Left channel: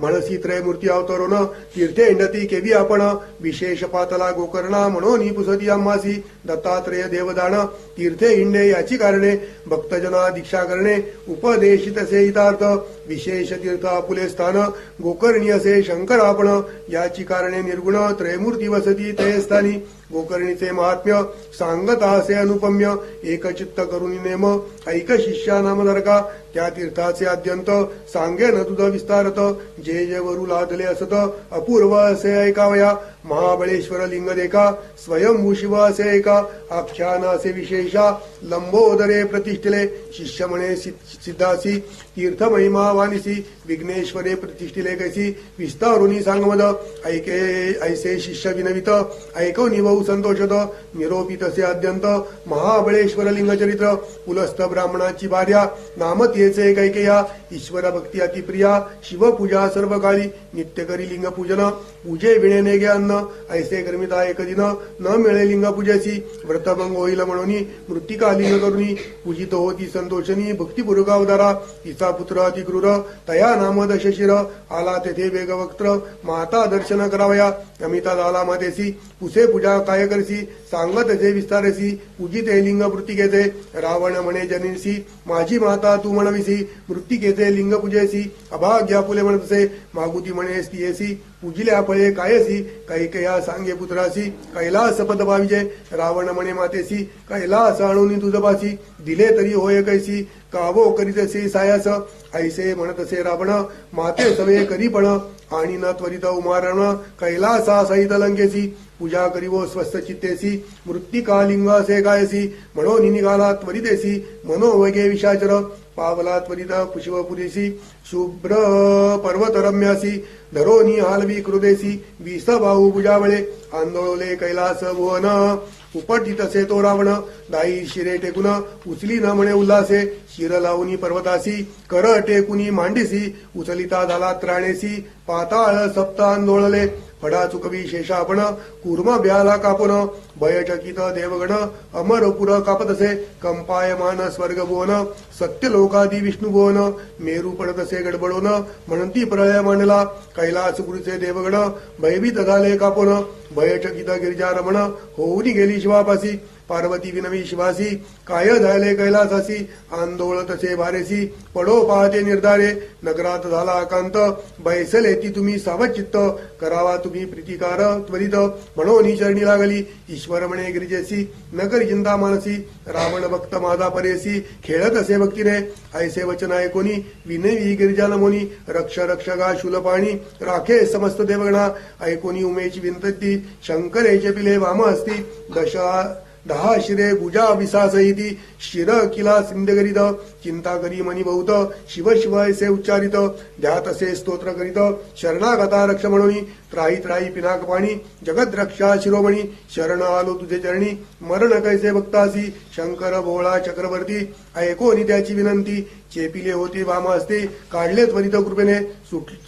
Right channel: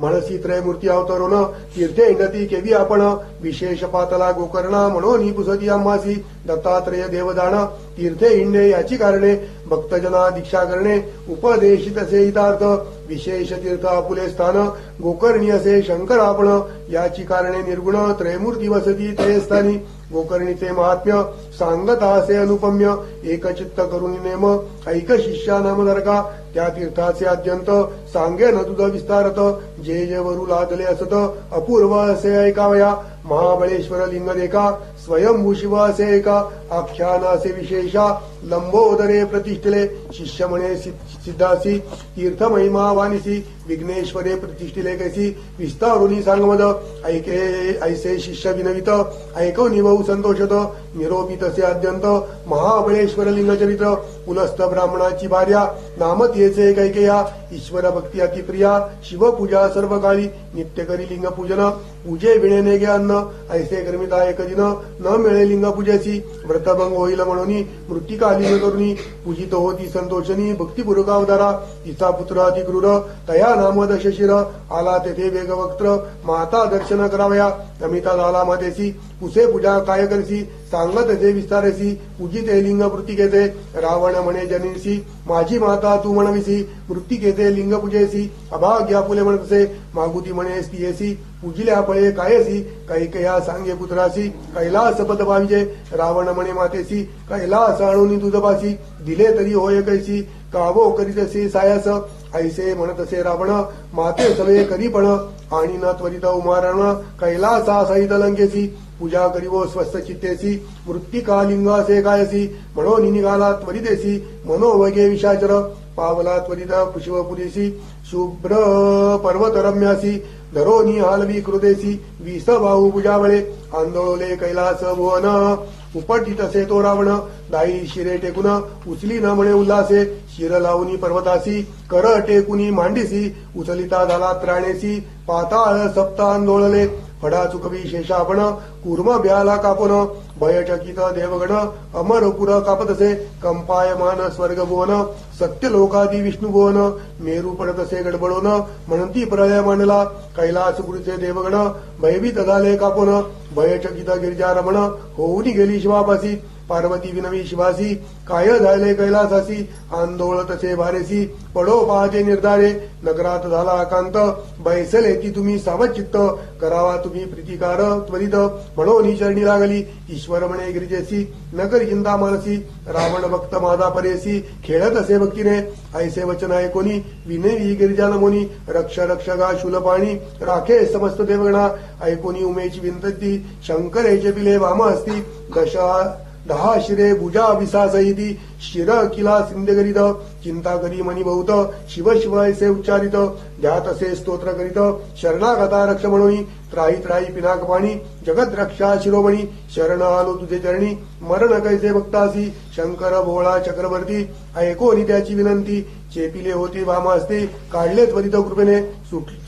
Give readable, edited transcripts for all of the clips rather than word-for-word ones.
मनसी त्रयमूर्ती अवतरून तीर्थे इंडती केवी आपण विशेष पातला गोकर्णा म्हणून पुसती अम्मासी दत्तात्रय देवदान तीर्थे इंडे याची कारणे भक्तजना दीक्षा करणे उपदेशित असे हितार्थ विशेष तीर्थ आपुले स्थान गोकर्णी असे शंकर आपण याची कारणे निर्गुण त्रयमूर्ती वसती ते स्थानी गोकर्णीचे महात्म्य सांगता असे अनुपम्य एकचित्त करून नेम ऐक शिष्या नाम नरका त्या तीर्थाचे अद्यंत सांगे न तुझ विस्तारत जे जे वरू लादले असत अपूर्व असे ऐकावया महाबळेश्वर लिंग देखा स्वयंभू शिव असे ऐका आख्यान असे विशेषा लंबोदरे प्रतिष्ठिले शिष्य म्हणे सिद्धासी तीर्थ महिमा वानिसी विघ्नेश्वरे प्रतिष्ठिले कैसी विस्तारुनी सांगवद ऐके ऐसे शिष्य विनवित ऐको निवऊ संतोषत निरोपित असे अद्यंत महाबळेश्वर लिंगचरित्र पुलस्थ ब्राह्मणाची भार्या नामतीयेचे कैकेया ईश्वर भक्ती अतिप्रिया शिवपूजा सर्व काळी नित्य करी लिंग पूजन पूजे विणेने गे अन्न ऐसे कर्मिता एक दिन न मिळे लिंग पूजेची व्रतभंग होईल म्हणून मृत्तिका लिंग करुणी पूजित होती संतोषनी भक्तिपूर्वक अवतारा तिचा पुत्र अतिक्रूर तया नाम दशशिर आला तेथे वेगवक्त्र माता दर्शन करावया अमिता झाला मातेसी पुसे पूजा काय करसी सांगत जे विस्तारेसी पूजिते लिंग मृत्तिकेते रावण म्हणे जनीसी माझी माता तू म्हणविसी मृत्तिकेते लिंग पूजेसी अभाग्या फुले म्हणतसे मागुती म्हणे स्त्रियेसी पूजिल्या फळे कायसी कैकया सांगे पुत्रासी कैलास पद पाविजे रावण म्हणे मातेसी कैलास आणून तुझपासी दिले तरी होय कैसी कावो करीतसे सायास ऐसे म्हणतसे रावण माते सवे करी पण आणि न त्वरित उमारण कैलासा सहित लंकेसी पूजा करीवो स्वस्थ चित्तेसी मृत्तिका लिंग असे कायसी म्हणून निघाला त्वरितेसी मनोवगे विशाचर पावला त्वरित पुष्पपुरीसी शुभ्र पर्वतरम्यासी धरोनी हालवी कृदेसी विस बाहू पूजावळे आंदोळले कैलास भुवन उपटित असे तो रावण दाई शिरे टेकून उचली न म्हणे उल्हासे शिर लावणी पर्वतासी कर टेकुनी मांडीसी उचलिता झाला त्राणेसी पाताळ सप्त आंदोळले फडा चुकवी शेषापण कूर्म ब्याला कापून भयचकित देवगण अमरपुर कापतसे कंपायमान स्वर्ग भुवन सत्य लोकादी विष्णू भुवन मेरू पडतसे गडबडून म्हणती प्रलय मांडला कैलास गुरुचे देवगण भयभीत झाले कापून भयचकित गिरिजारमण होऊनी गेली शिवापासी पार्वती विनवी शिवासी काय झाले कैलासासी आंदोळतसे भारेसी पडो पाहते निर्धारे नगरात झाला आकांत बैसले ती तुम्ही सावचित्त करावा तुम्ही प्रीतिकार त्वरित म्हणून चरणी लागली ईश्वर म्हणे गिरिजेसी नकरी चिंता मानसी रावण भक्त माझा परेसी खेळत असे भक्तीने ऐसे वचन ऐकोनी विनवी गिरिजा नमोनी रक्ष रक्षगा शूलपाणी राखे समस्त देवगणा ऐकोनी उमेची विनंती शंकरेचे पिले वाम असती दहा शिरे भुजा विसासहिती शिर किला सिंधगरीत चिंता करी मनी बहुत शिव शिव ऐसे उच्चारित ध्यात असे स्तोत्र करीत शरणागता रक्ष म्हणून त्राही त्राही पिनाक पाणी जगत रक्षा शिरोमणी शरण आलो तुझे चरणी मरण कैसे भक्तासी शंकर भोळा चक्रवर्ती ऐकोनी त्याची विनंती चेपिले होते वाम असते काढले त्वरित कृपेने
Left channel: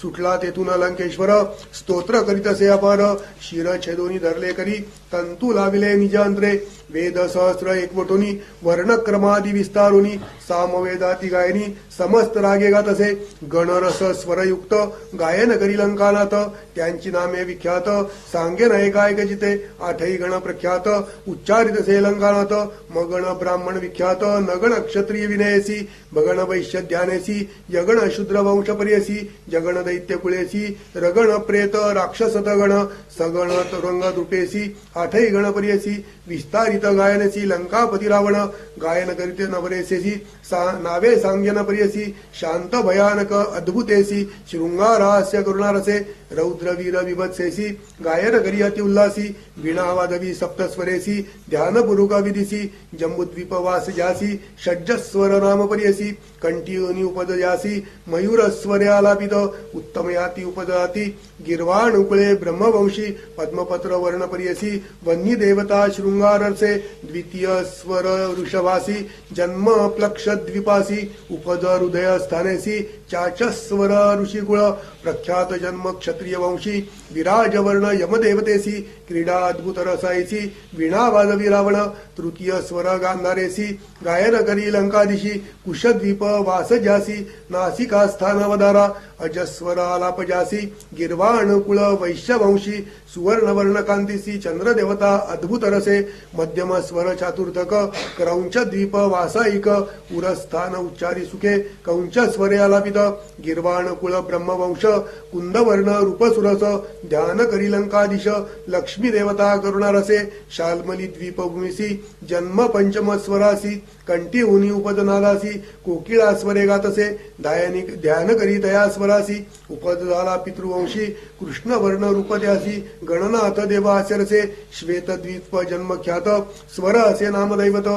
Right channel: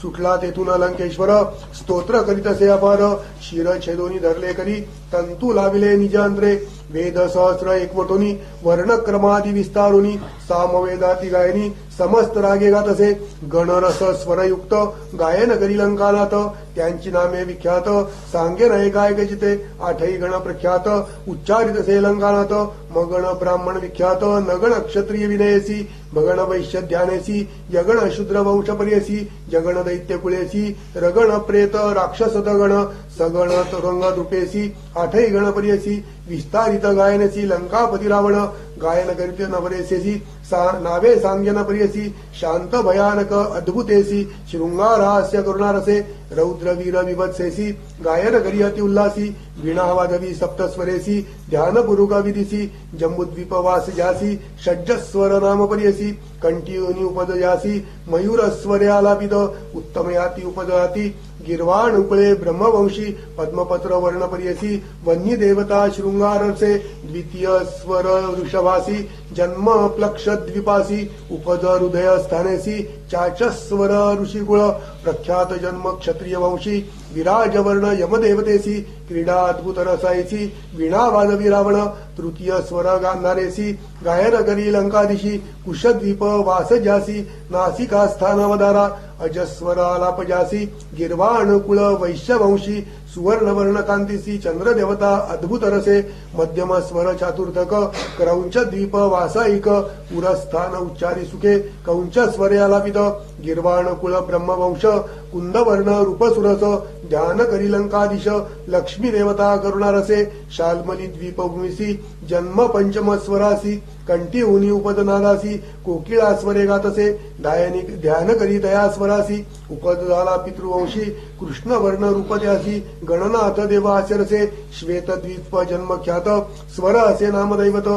सुटला तेथून लंकेश्वर स्तोत्र करीत असे अपार शिर छेदोनी धरले करी तंतू लाविले निजांत्रे वेद सहस्र एकवटोनी वर्णक्रमादी विस्तारोनी सामवेदाती गायनी समस्त रागे गात असे गणरस स्वरयुक्त गायन करी लंकानाथ त्यांची नामे विख्यात सांगे नये काय गजिते आठही गण प्रख्यात उच्चारित असे लंकानाथ मगण ब्राह्मण विख्यात नगण क्षत्रिय विनयसी भगण वैश्य ध्यानेसी यगण शूद्र वंश पर्यसी जगण दैत्य कुळेसी रगण प्रेत राक्षस गण सगण तुरंग द्रुपेसी आठही गण पर्यसी विस्तारित गायनसी लंकापती रावण गायन करीत नवरेसेसी नावे सांग्यन प्रियसी शांत भयानक अद्भुतेसी शृंगारहास्य करुणारसे रौद्रवीर विभत्सेसी गायन करी अति उल्लासी वीणावादवी सप्तस्वरेसी ध्यानपूर्वक विदिसी जम्बुद्वीपवास जासी षड्जस्वर नाम पर्यसी कंठीयोनी उपदयासी मयूरस्वरे आलापित उत्तमयाती उपदयाती गिरवाण उपळे ब्रह्मवंशी पद्मपत्र वर्ण पर्यसी वन्य देवता शृंगारसे द्वितीय स्वर वृषभासी जन्म प्लक्ष द्विपासी उपद हृदय स्थानेसी चाचस्वर ऋषिकुळ प्रख्यात जन्म क्षत्र क्षत्रिय वंशी विराजवर्ण यमदेवतेसी क्रीडा अद्भुत रसायसी वीणा वाजवी रावण तृतीय स्वर गांधारेसी गायन करी लंकादिशी कुशद्वीप वासजासी नासिका स्थानवदारा अजस्वर आलापजासी गिर्वाणकुळ वैश्यवंशी सुवर्णवर्ण कांतीसी चंद्रदेवता अद्भुत रसे मध्यम स्वर चातुर्थक क्रौंच द्वीप वासायिक पुरस्थान उच्चारी सुखे कौंच स्वरे आलापित गिर्वाणकुळ ब्रह्मवंश कुंदवर्ण रूपसुरस ध्यान करी लंकादिश लक्ष्मी देवता करुणारसे शाल्मली द्वीपभूमिसी जन्म पंचम स्वरासी कंठी उनी उपदनालासी कोकिळा स्वरे गातसे ध्यान करी दया स्वरासी उपद झाला पितृवंशी कृष्णवर्ण रूपद्यासी गणनाथ देव आचरसे श्वेतद्वीप जन्मख्यात स्वर असे नामदैवत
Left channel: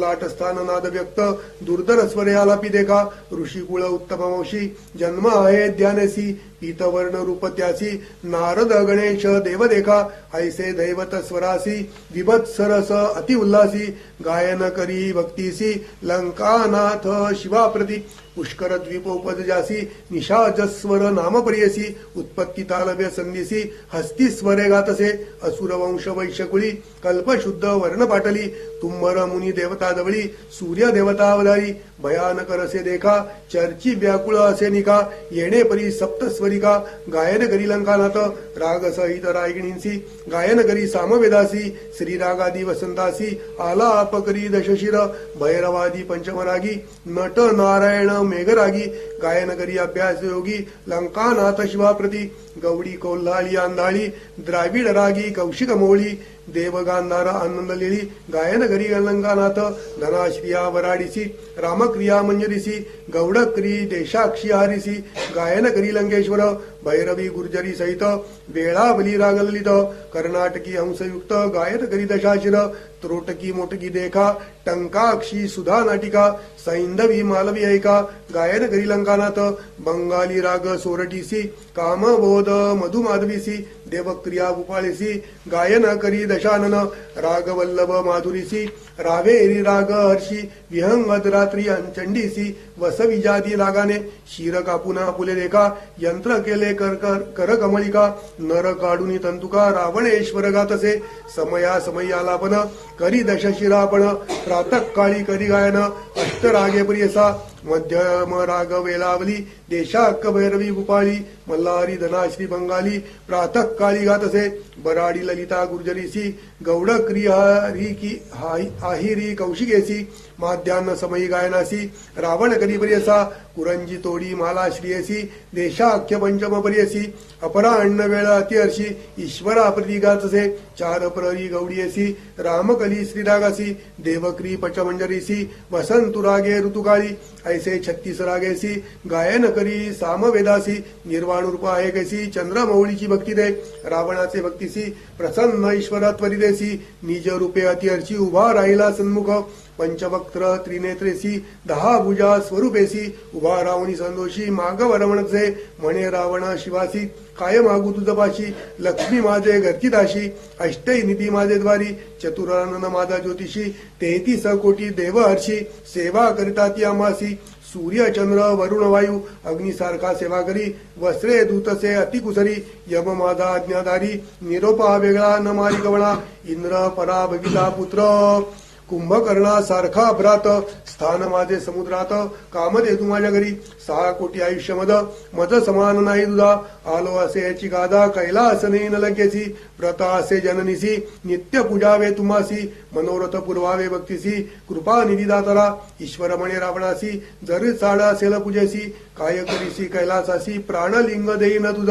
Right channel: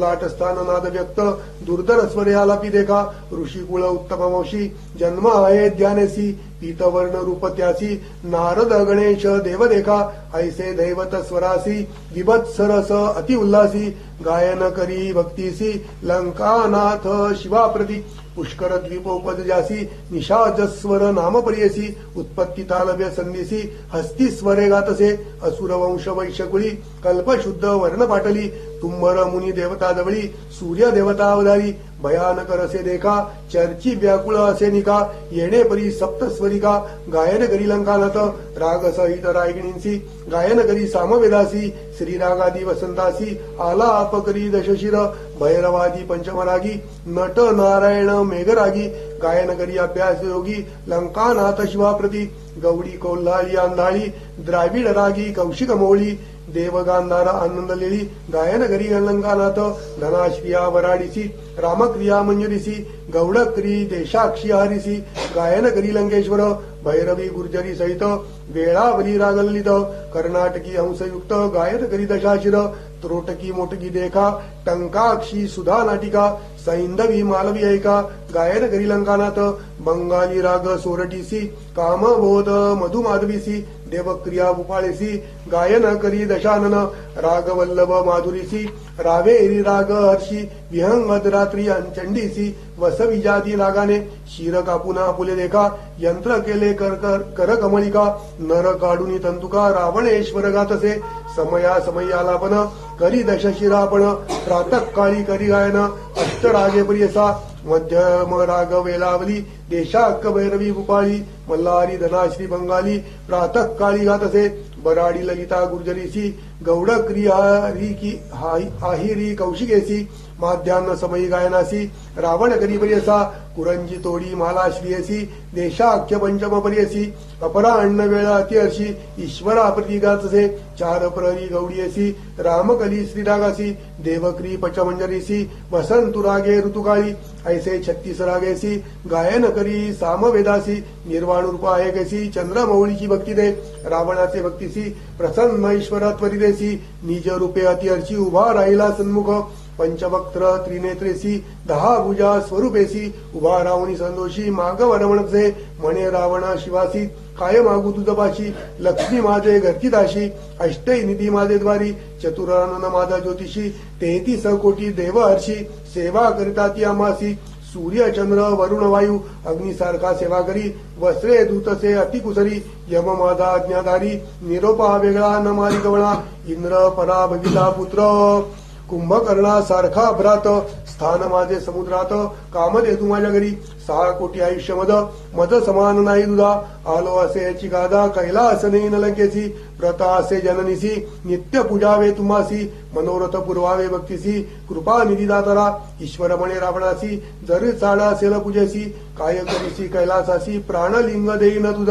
लाटस्थान नाद व्यक्त दुर्धर स्वरे आलापी देखा ऋषिकुळ उत्तमवंशी जन्म आहे ध्यानेसी पीतवर्ण रूपत्यासी नारद गणेश देव देखा ऐसे दैवत स्वरासी विभत्सरस अति उल्लासी गायन करी भक्तीसी लंकानाथ शिवाप्रती पुष्कर द्वीपोपदजासी निशाचस्वर नामप्रियसी उत्पत्ती तालव्य संदेसी हस्ती स्वरे गातसे असुरवंश वैश्यकुळी कल्पशुद्ध वर्ण पाटली तुंबर मुनी देवता जवळी सूर्य देवता अवतारी भयानक रसे देखा चर्ची व्याकुळ असे निका येणे परी सप्तस्वरिका गायन करी लंकानाथ राग सहित रायगिणींसी गायन करी सामवेदासी श्रीरागादी वसंतासी आलाप करी दशशिर भैरवादी पंचमरागी नट नारायण मेघरागी गायन करी अभ्यास योगी लंकानाथ शिवाप्रती गौडी कोल्हाळी आंधाळी द्राविड रागी कौशिक मोळी देवगांधार आनंद लेळी गायन करी लंकानाथ धनाश्रिया वराडिसी रामक्रिया मंजरीसी गौडक्री देशाक्षी हारिसी गायन करी लंकेश्वर भैरवी गुर्जरी सहित वेळावली रागलित कर्नाटकी हंसयुक्त गायन करी दशाशिर त्रोटकी मोटकी देखा टंकाक्षी सुधा नाटिका सैंधवी मालवी ऐका गायन करी लंकानाथ बंगाली राग सोरटीसी कामबोध मधुमाधवीसी देवक्रिया उपाळेसी गायन करी दशानन रागवल्लभ माधुरीसी रावेरी राग हर्षी विहंगद रात्री चंडीसी वसविजाती रागाने शिर कापुना फुले देखा यंत्र केले कर कमलिका नर काढुनी तंतुका रावणेश्वर गातसे समया समय आलापन करी दशशिरापण प्रातःकाळी करी गायन अष्टरागे प्रियसा मध्यम राग वेलावली देशाक्क भैरवी उपाळी मल्हारी धनाश्री बंगाली प्रातःकाळी गातसे बराडी ललिता गुर्जरीसी गौडक्री आहिरी कौशिकेसी माध्यान्ह समयी गायनासी रावण करी प्रियसा कुरंजी तोडी माला श्रियसी देशाख्य पंचम प्रियसी अपराह्न वेळ अतिहर्षी ईश्वरा प्रती गातसे चार प्रहरी गौडीयसी रामकली श्रीरागासी देवक्री पचमंजरीसी वसंतुरागे ऋतुकाळी ऐसे 36 रागेसी गायन करी सामवेदासी निर्वाण रूप आहे कैसी चंद्रमौळीची भक्ती दे रावणाचे भक्तीसी प्रसन्न ईश्वरा त्वरिदेसी निज रूपे अतिहर्षी उभा राहिला सन्मुख पंचवक्त्र त्रिनेत्रेसी 10 भुजा स्वरूपेसी उभा रावणी संतोषी माग वरवणचे म्हणे रावण शिवासी काय मागू तुझपाशी लक्ष्मी माझे घरची दाशी अष्टै निधी माझे द्वारी चतुरानन माझा ज्योतिषी 33 कोटी देव हर्षी सेवा करिता ती आमासी सूर्य चंद्र वरुण वायू अग्निसारखा सेवा करी वस्त्रे दूतसे अतिकुसरी यम माझा आज्ञाधारी निरोपा वेगळा न मारी गवळा इंद्र परा भगिला पुत्र कुंभकर्णा सारखा भ्रात स्थान माझे समुद्रात कामदे तू माझ्या घरी 6 कोटी आयुष्य मद समान नाही तुझा आलो असे याची गादा कैलास नाही न लंकेसी व्रता असे जननीसी नित्य पूजावे तुम्हासी मनोरथ पुरवावे भक्तीसी कृपा निधी दातरा ईश्वर म्हणे रावणासी जरी चाडा असेल पूजेसी काय करीसी कैलासासी प्राणलिंग देईन तुझ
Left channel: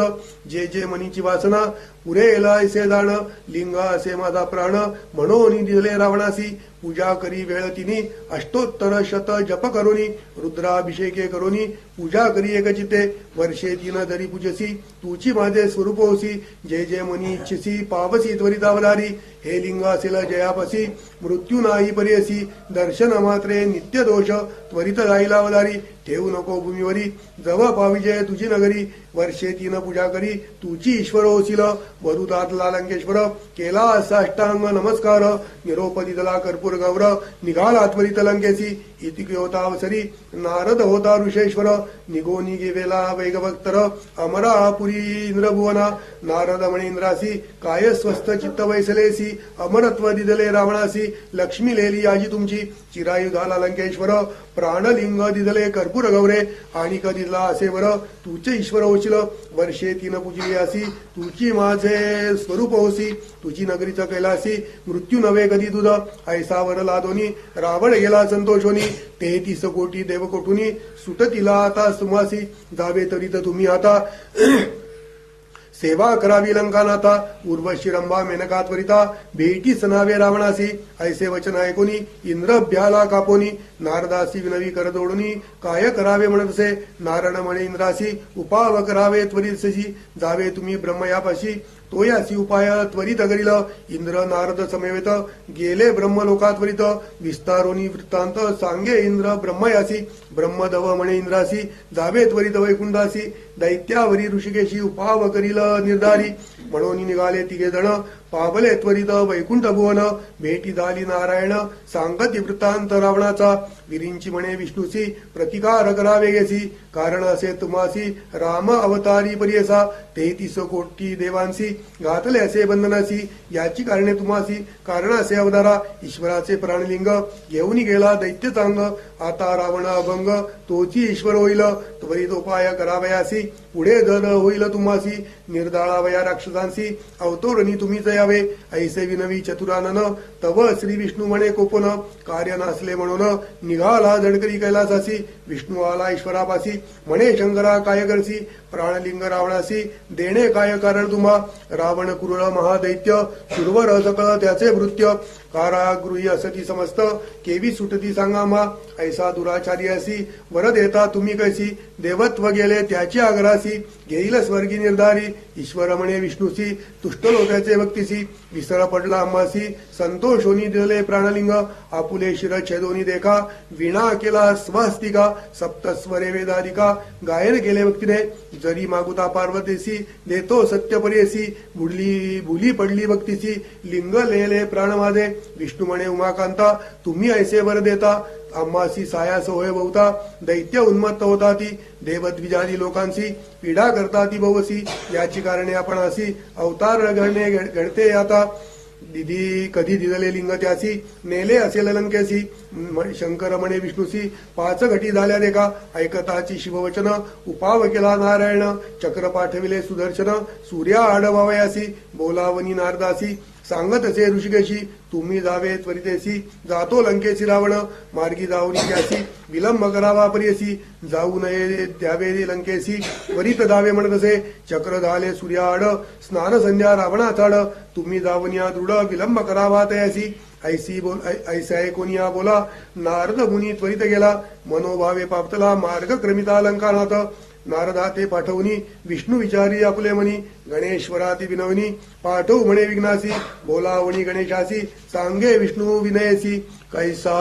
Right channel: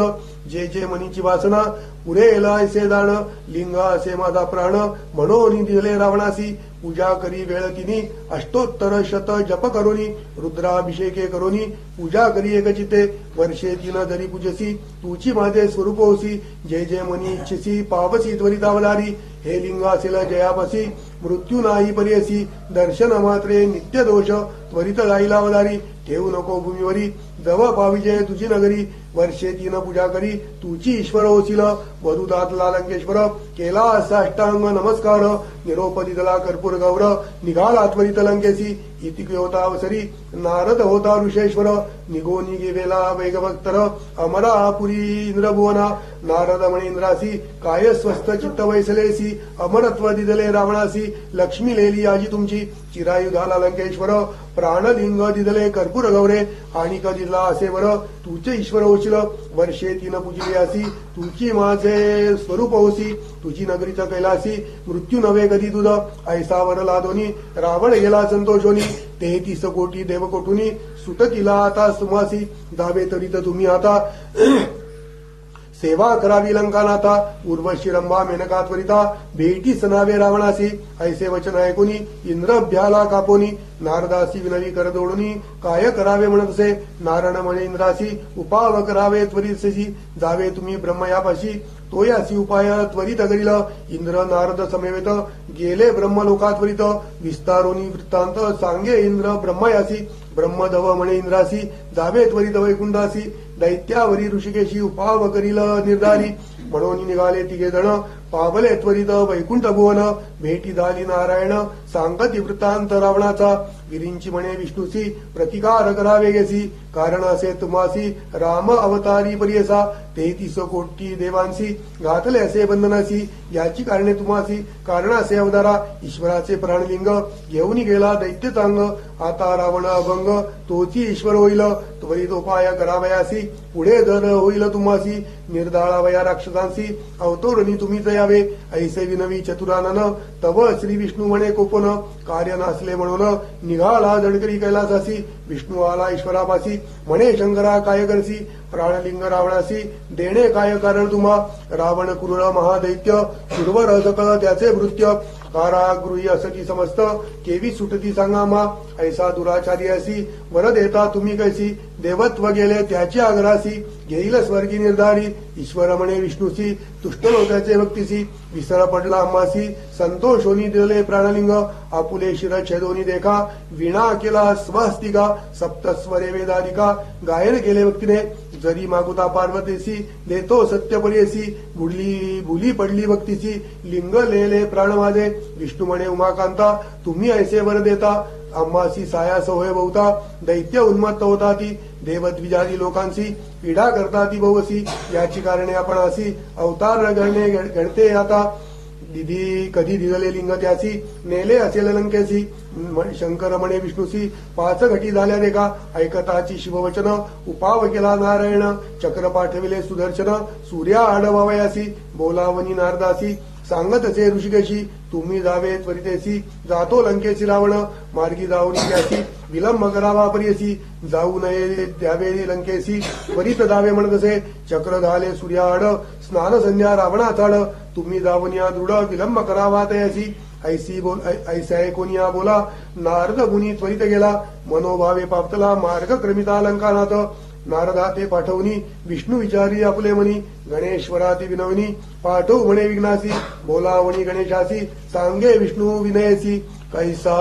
जे जे मनीची वासना पुरेल ऐसे दान लिंग असे माझा प्राण म्हणून दिले रावणासी पूजा करी वेळ तिनी अष्टोत्तर शत जप करोनी रुद्राभिषेके करोनी पूजा करी एकचिते वर्षे 3 जरी पूजसी तुची माझे स्वरूप होसी जे जे मनी इच्छिसी पावसी त्वरितावधारी हे लिंग असेल जयापसी मृत्यू नाही पर्यसी दर्शन मात्रे नित्य दोष त्वरित जाईला अवधारी ठेवू नको भूमीवरी जव पाविजय तुझी नगरी वर्षे 3 पूजा करी तुची ईश्वर होसील वरुदातला लंकेश्वर केला असा अष्टांग नमस्कार निरोप दिदला कर्पूर गौर निघाला त्वरित लंकेसी इति होतावसरी नारद होता ऋषेश्वर निगोनी गेवेला वैगभक्तर अमरापुरी इंद्रभुवना नारद मणींद्रासी काय स्वस्थ चित्त वैसलेसी अमरत्व दिदले रावणासी लक्ष्मी लेली आजी तुमची चिरायू झाला लंकेश्वर प्राणलिंग दिदले कर्पूर गौरे आणि दिला असे वर तुझे ईश्वर ओचिल वर्षे तीन पूजिली असी तुझी माझे स्वरूप होसी तुझी नगरीचा कैलासी मृत्यू नव्हे कधी तुझ ऐसा वर लादोनी रावण गेला संतोषोनी 33 कोटी देवकोटुनी सुटतीला आता सुमासी जावे तरी तर तुम्ही आता सेवा करावी लंकानाथा उर्वशी रंभा मेनका त्वरिता भेटी सनावे रावणासी ऐसे वचन ऐकुनी इंद्र भ्याला कापोनी नारदासी विनवी कर जोडुनी काय करावे म्हणतसे नारायण म्हणे इंद्रासी उपाव करावे त्वरितशी जावे तुम्ही ब्रह्मयापाशी तो यासी उपाय त्वरित करील इंद्र नारद समेवेत गेले ब्रह्मलोकात्वरित विस्तारोनी वृत्तांत सांगे इंद्र ब्रह्मयासी ब्रह्मदव म्हणे इंद्रासी जावे त्वरित वैकुंठासी दैत्यावरी ऋषिकेशी उपाव करील निर्धारी म्हणून निघाले तिघे जण पावले त्वरित वैकुंठ भुवन भेटी झाली नारायण सांगती वृत्तांत रावणाचा विरींची म्हणे विष्णूसी प्रतिकार करावे गेसी कारण असे तुम्हासी राम अवतारी पर्यसा 33 कोटी देवांसी घातले असे बंधनासी याची कारणे तुम्हासी कारण असे अवतारा ईश्वराचे प्राणलिंग घेऊन गेला दैत्य चांग आता रावण अभंग तोची ईश्वर होईल त्वरित उपाय करावयासी पुढे दर होईल तुम्हासी निर्दाळावया राक्षसांसी अवतोरणी तुम्हीच यावे ऐसे विनवी चतुरानन तव श्री विष्णू म्हणे कोपन कार्य नसले म्हणून निघाला जडकरी कैलासासी विष्णू आला ईश्वरापासी म्हणे शंकरा काय करसी प्राणलिंग रावणासी देणे काय कारण तुम्हा रावण क्रूर महादैत्य सुरवर सकळ त्याचे भृत्य कारागृही असती समस्त केवी सुटती सांगा मा ऐसा दुराचारी असी वर देता तुम्ही कैसी देवत्व गेले त्याची आग्रासी घेईल स्वर्गी निर्धारी ईश्वर म्हणे विष्णूसी तुष्ट लोकांचे भक्तीसी विसर पडला अम्मासी संतोषोनी दिले प्राणलिंग आपुले शिर छेदोनी देखा विणा केला स्वस्तिका सप्तस्वरे वेदाधिका गायन केले भक्तीने जरी मागुता पार्वतीसी देतो सत्य पर्यसी भुली पडली भक्तीसी लिंग लेले प्राण माझे विष्णू म्हणे उमाकांता तुम्ही ऐसे वर देता अम्मासी सायास होय बहुता दैत्य उन्मत्त होता ती देवद्विजादी लोकांशी पीडा करता ती भवसी याची कारणे आपण असी अवतार घडते आता दिदी कधी दिदले लिंग त्यासी नेले असेल लंकेसी शंकर म्हणे विष्णूसी 5 घटी झाल्या देखा ऐकताची शिववचन उपाव केला नारायण चक्र पाठविले सुदर्शन सूर्या आडवावयासी बोलावनी नारदासी सांगत असे ऋषिकेशी तुम्ही जावे त्वरितेसी जातो लंकेसी रावण मार्गी जाऊन त्यासी विलंब करावा पर्यसी जाऊ नये द्यावे लंकेसी त्वरित जावे म्हणत असे चक्र झाले सूर्याआड स्नान संध्या रावणाचाड तुम्ही जाऊन या दृढ विलंब करावा तयासी ऐसा ऐकुनिया बोला नारद मुनी त्वरित गेला मनोभावे पापतला मार्ग क्रमिता अलंकारात नारदा ते पाठवणी विष्णू विचारी आपले मनी गणेश्वराती विनवनी पाठव म्हणे विघ्नासी बोलावणी गणेशासी सांगे विष्णू विनयसी कैसा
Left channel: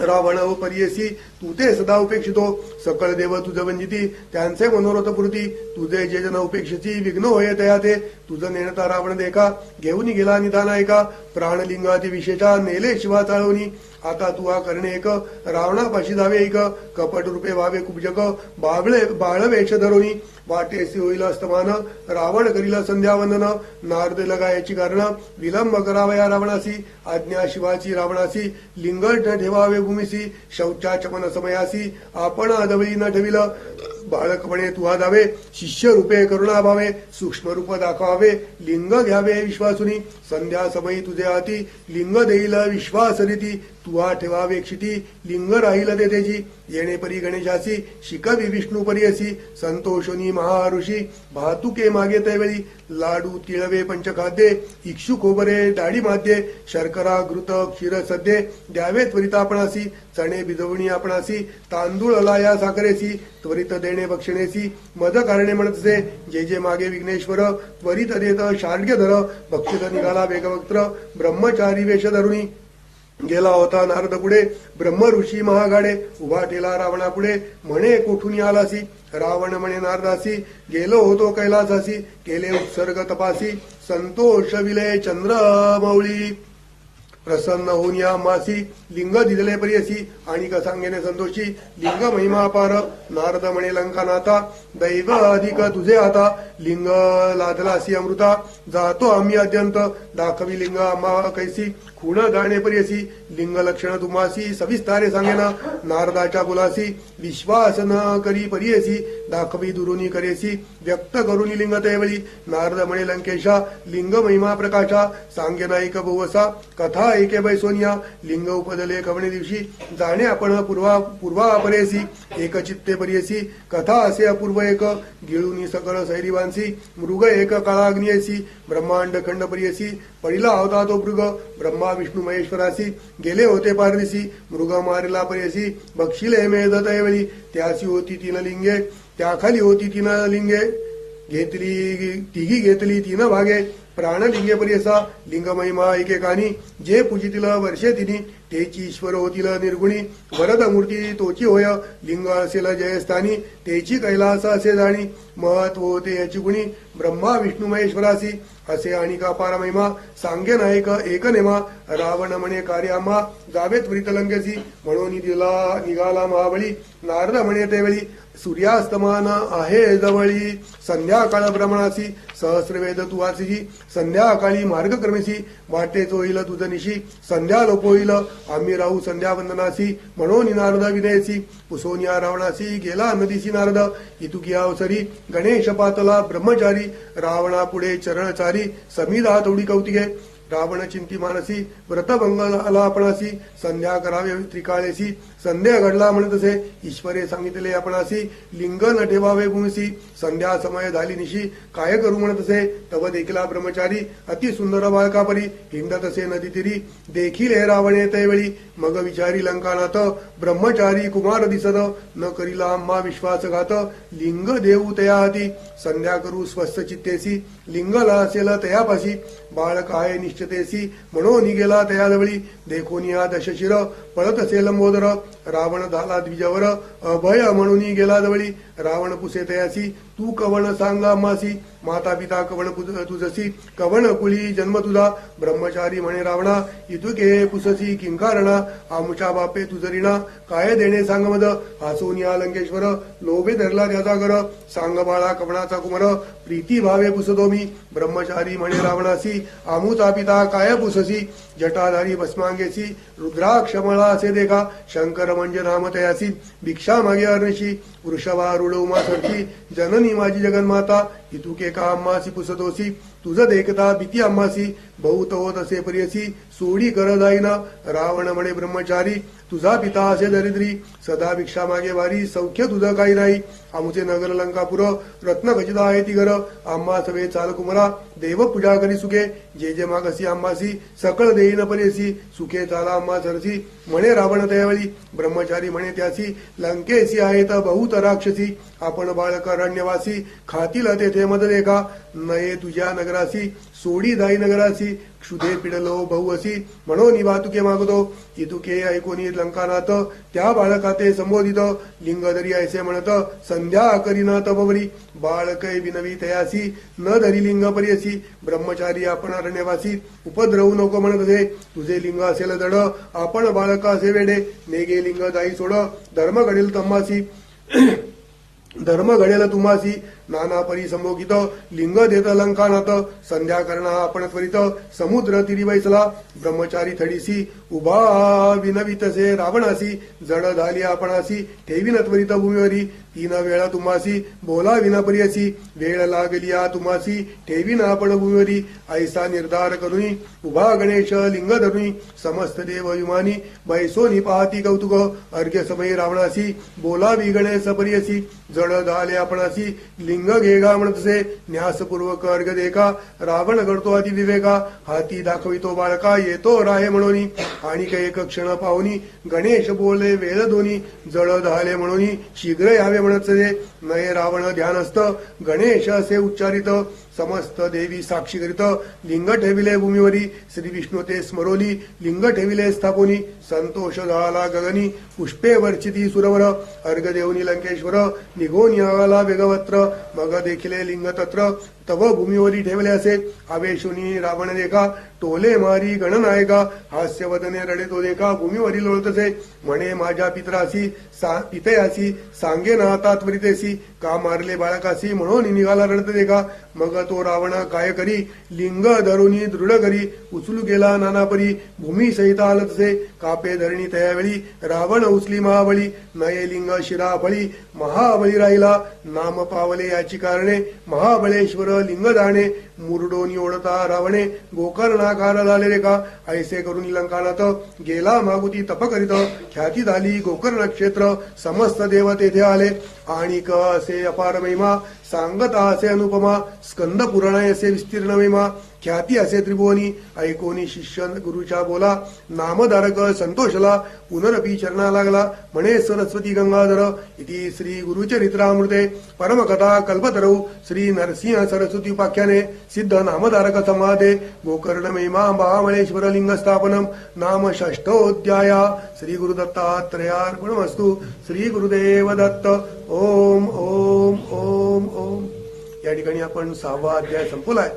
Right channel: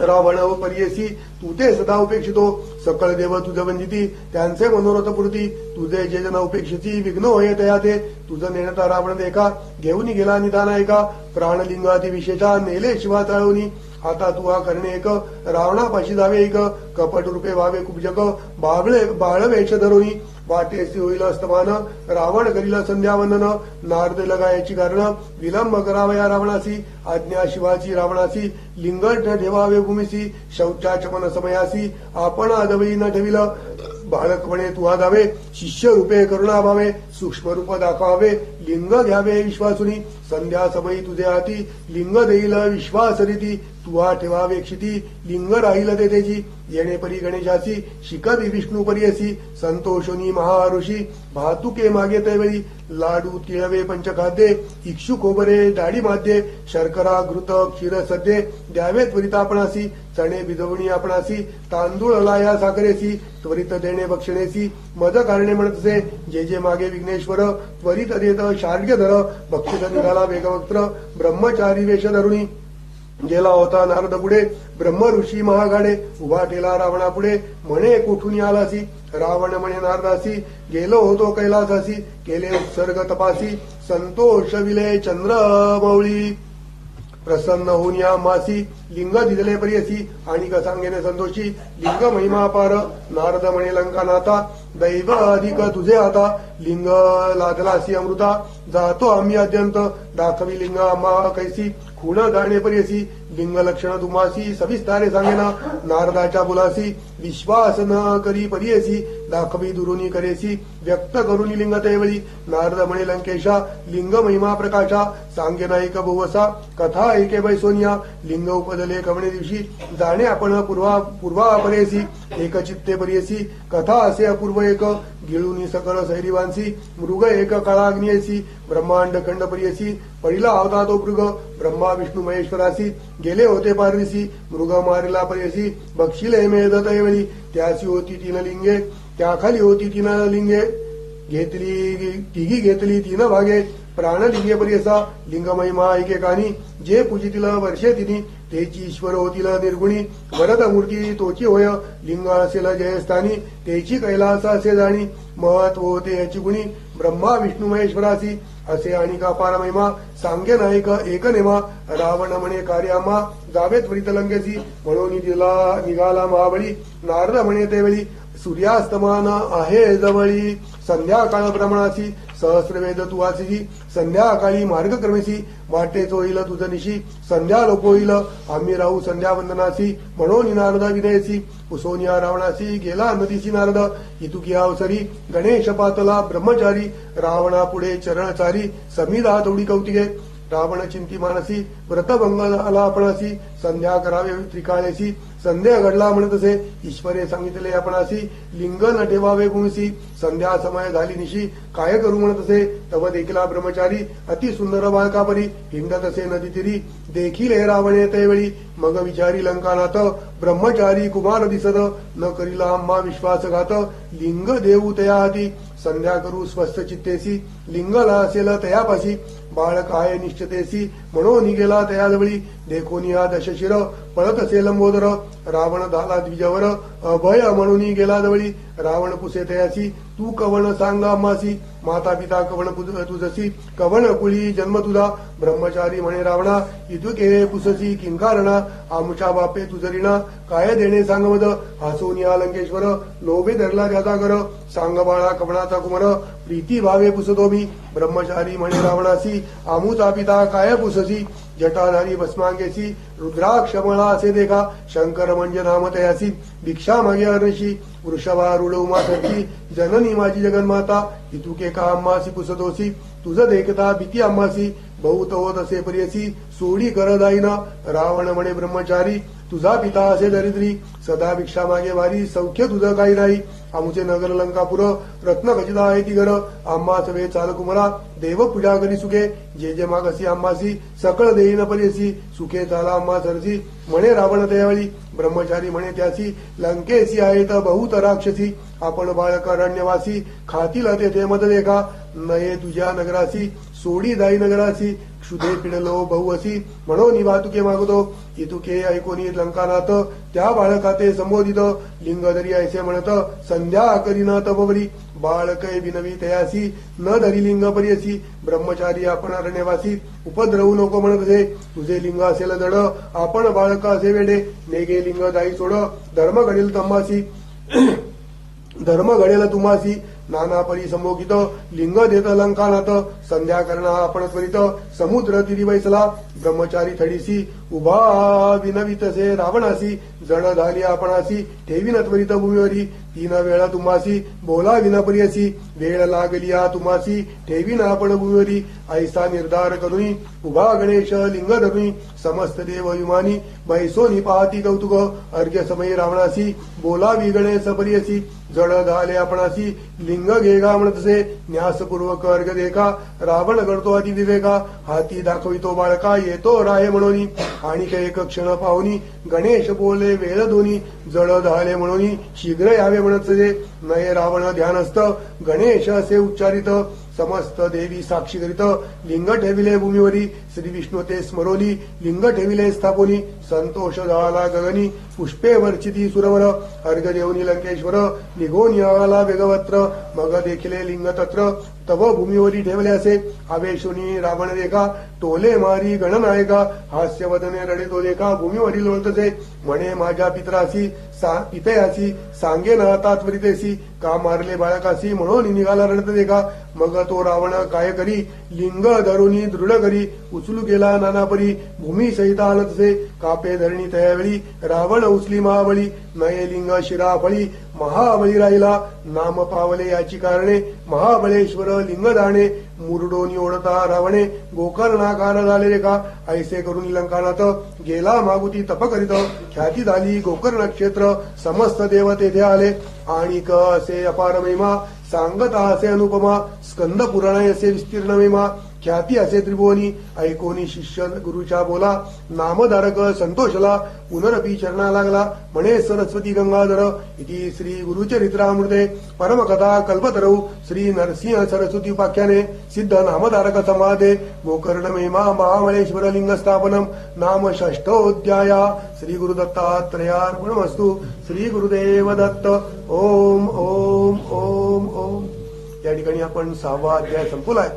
रावण पर्यसी तू ते सदा उपेक्षितो सकळ देव तुझ वंजिती त्यांचे मनोरथ पुरती तुझे जे जन उपेक्षिती विघ्न होय तया ते तुझं नेणता रावण देखा घेऊन गेला निदान ऐका प्राणलिंगादी विशेषा नेले शिवा चाळवणी आता तू हा करणे एक रावणापाशी जावे एक कपट रूपे व्हावे कुबजक बाळवेश धरोनी वाटेसी होईल अस्तमान रावण करीला संध्यावंदन नारद लगा याची कारण विलंब करावा या रावणासी आज्ञा शिवाची रावणासी लिंगट ठेवावे भूमीसी शौचाचमन समयासी आपण आदवळी न ठेविल बाळकपणे तू जावे शिष्य रूपे करुणा भावे सूक्ष्म रूप दाखवावे लिंग घ्यावे विश्वासुनी संध्या समयी तुझे हाती लिंग देईल विश्वास रीती तुहा ठेवावे क्षिती लिंग राहील तेजी येणे परी गणेशासी शिकवी विष्णू परियसी संतोषोनी महाऋषी भातुके मागे तैवेळी लाडू तिळवे पंचखाद्ये इक्षु खोबरे डाळी माध्ये शर्करा घृत क्षीर सद्ये द्यावे त्वरित आपणासी चणे भिजवणी आपणासी तांदूळ लाया साखरेसी त्वरित देणे बक्षणेसी मद कारणे म्हणतसे जे जे मागे विघ्नेश्वर त्वरित देत शार्ग्य धर भक्तित निघाला वेगवक्त्र ब्रह्मचारी वेश धरुणी गेला होता नारद पुढे ब्रह्म ऋषी महागाडे उभा ठेला रावणा पुढे म्हणे कोठून आलासी रावण म्हणे नारदासी गेलो होतो कैलासासी केले उत्सर्ग तपासी संतोष विले चंद्र मौळी प्रसन्न होऊन या मासी लिंग दिदले प्रियसी आणि सांगेने संतोषी लिंग महिमा पार नारद म्हणे लंकानाथा दैव अधिक तुझे आता लिंग लादलासी अमृता जातो आम्ही अत्यंत दाखवी लिंग आम्हा कैसी खूण गाणे प्रियसी लिंग लक्षण तुमासी सविस्तारे सांगेना नारदाच्या बोलासी विश्वास न करी परियसी दाखवी दुरुनी करेसी व्यक्त करुनी लिंग तेवळी नारद म्हणे लंकेशा लिंग महिमा प्रकाशा सांगेना एक बहुवसा कथा एके बैसोनिया लिंग उपदले कवणे दिवशी जाणे आपण पूर्वा परेसी एक चित्ते परियसी कथा असे अपूर्व एक गिळूनी सकळ सैरिवांसी मृग एक काळाग्नियसी ब्रह्मांड खंड परियसी पहिला होता तो मृग ब्रह्मा विष्णू महेश्वरासी गेले होते पारदिसी मृग मारिला परियसी बक्षिले मेध तैवळी त्याची होती तीन लिंगे त्याखाली होती तीन लिंगे तिघी घेतली तीन भागे प्राणलिंगे परियसा लिंग महिमा एकेकानी जे पूजितील वर्षे तिनी तेची ईश्वर होतील निर्गुणी वरद मूर्ती तोची होय लिंग असेल जयस्थानी तेची कैलास असे जाणी महत्व होते याची गुणी ब्रह्मा विष्णू महेश्वरासी असे आणि का पार महिमा सांगे नायक एक नेमा रावण म्हणे कार्यामा जावे त्वरित लंकेसी म्हणून निघाला महाबळी नारद म्हणे तेवेळी सूर्यास्तमान आहे जवळी संध्याकाळ भ्रमणासी सहस्रवेद तू वाचिसी संध्याकाळी मार्गक्रमेसी वाटेच होईल तुझ निशी संध्या लोप होईल आम्ही राहू संध्या वंदनासी म्हणून नारद विनयसी उसोनिया रावणासी गेला नदीसी नारद इतुकी अवसरी गणेश पातला ब्रह्मचारी रावणा पुढे चरणचारी समिधा तोडी कौतिके रावण चिंती मानसी व्रतभंग आला आपणासी संध्या करावे त्रिकाळेसी संध्या घडला म्हणत असे ईश्वरे सांगितले आपणासी लिंग न ठेवावे गुणसी संध्या समय झाली निशी काय करू म्हणत असे तव देखीला ब्रह्मचारी अति सुंदर बाळकापरी हिंडत असे नदी तिरी देखील हे रावणे तैवेळी मग विचारी लंकानाथ ब्रह्मचारी कुमार दिसत न करीला आम्हा विश्वासघात लिंग देऊ तया हाती संध्या करू स्वस्थ चित्तेसी लिंगला असेल तयापाशी बाळ काय निश्चितेसी म्हणून गेला तयाजवळी देखून या दशशिर पळत असे लंबोदर रावण झाला द्विजवर अभय म्हणून गेला जवळी रावण पुसे तयासी तू कवण सांगा मासी माता पिता कवण तुझसी कवण कुळी जन्म तुझा ब्रह्मचारी म्हणे रावणा इतुके पुससी किंकारणा आमुच्या बापे तुझरीणा काय देणे सांग मद हासून या लंकेश्वर लोभे धरला त्याचा घर सांग बाळा कवणाचा कुमार प्रीती भावे पुसतो मी ब्रह्मचारी म्हणे रावणासी आमुचा पिता काय पुससी जटाधारी भस्मांगेसी रुद्राक्षमळा असे देखा शंकर म्हणजे नाम तयासी भिक्षा मागे अर्णशी वृषभारूढ उमासरची जननी माझी जगन्माता इतुके का अम्मासी पुसतोसी तुझं देखता भीती अम्मासी बहुत होत असे प्रियसी सोडी कर जाईना रावण म्हणे ब्रह्मचारी तुझा पिता असे दरिद्री सदा भिक्षा मागे वारी सौख्य तुझं काही नाही आमचे नगर लंकापुर रत्न खचित आहे ती घर आम्हा सवे चाल कुमरा देव पूजा करी सुखे जे जे मागसी आम्हासी सकळ देईन परेसी सुखे चाला आम्हा सरसी म्हणे रावण त्यावेळी ब्रह्मचारी म्हणे त्यासी लंकेसी आहेत बहुत राक्षसी आपण बाळकारण्यवासी खातील तेथे मद देखा नये तुझ्या नगरासी सोडी जाई नगरासी क्षुधे पिडलो बहुअसी म्हणून वाहतुके मागतो इतुके ऐकोनी लंकानाथ त्या बाळकाते संबोधित लिंगधरी ऐसे म्हणत संध्या करीना तपवरी बाळकै विनवी तयासी न धरी लिंग परियसी ब्रह्मचारी आपण अरण्यवासी उपद्रवू नको म्हणत असे तुझे लिंग असेल जड आपण बाळका असे वेडे नेगे लिंग जाई सोड धर्म घडेल तम्मासी धर्म घडेल तुमासी नाना परी संभोगित लिंग देत लंकानाथ संध्या करणा आपण त्वरित समुद्र तिरी बैसला ब्रह्मचारी थडीसी उभा विनवितसे रावणासी जड झाली आपणासी ठेवीन त्वरित भूमीवरी तीन वेळा तुमासी बोला विनापरियसी वेळ लागलिया तुमासी ठेवीन आपण भूमीवरी ऐसा निर्धार करुनी उभा गणेश लिंग धरुनी समस्त देव विमानी बैसोनी पाहती कौतुक अर्घ्य समय रावणासी बोलावी गणेश परियसी जड झाले आपणासी लिंग घेगा म्हणतसे न्यासपूर्वक अर्घ देखा रावण करतो अति विवेका हाती दाखवितो बाळका येतो राहे म्हणून आणि एक क्षण पाहुनी गणेश बोले वेळ दोन्ही जड झाले म्हणून शीघ्र यावे म्हणतसे नये रावण ध्यानस्थ गणेश असे उच्चारित समस्त देवी साक्षी करीत लिंग ठेविले भूमीवरी श्री विष्णू ते स्मरोली लिंग ठेविले स्थापोनी संतोष झाला गगनी पुष्पे वर्चिती सुरवर अर्घ देवनी लंकेश्वर निघोन याला वेगवत्र मग देखिले लिंग तत्र तव भूमीवरी ठेवले असे आवेशुनी रावण देखा टोले मारी गणनायका हास्यवदने रडे तो देखा भूमीवरील लोळतसे म्हणे माझ्या पित्रासी पितयासी सांगे ना तात्वरितेसी का मारले बाळकासी म्हणून निघाला रडत देखा मग तो रावण काय करी लिंग धरुनी दृढ करी उचलू गेला नानापरी भूमी सहित आलतसे कापे धरणी त्यावेळी रावण उचली महाबळी नये लिंग शिराफळी महाबळी राहिला नाम पावले याची कारणे महाबळेश्वर लिंग जाणे मुरडोनी ओढता रावणे गोकर्णाकार झाले रे का ऐसे करून लंकानात गेला मागुती तप करीत ख्याती झाली गोकर्ण क्षेत्र समस्त देव तेथे आले आणि असे अपार महिमा सांगता असे अनुपमा स्कंद पुराण असे विस्तीर्ण महिमा ख्याती असे त्रिभुवनी ऐकोनी शिष्य गुरुच्या बोला नामधारक संतोषला पुनरपी चरणा लागला म्हणे सरस्वती गंगाधर इति श्री गुरुचरित्रामृते परमकथा कल्पतरौ श्री नरसिंह सरस्वती उपाख्याने सिद्ध नामधारक समाधे गोकर्ण महिमा महाबळेश्वर लिंग स्थापनम नाम षष्ठोऽध्याय श्री गुरुदत्तात्रयार्पणमस्तु श्री गुरुदेव दत्त ओम ओम ओम ओम या ठिकाणी आपण 6वा अध्याय संपवलाय.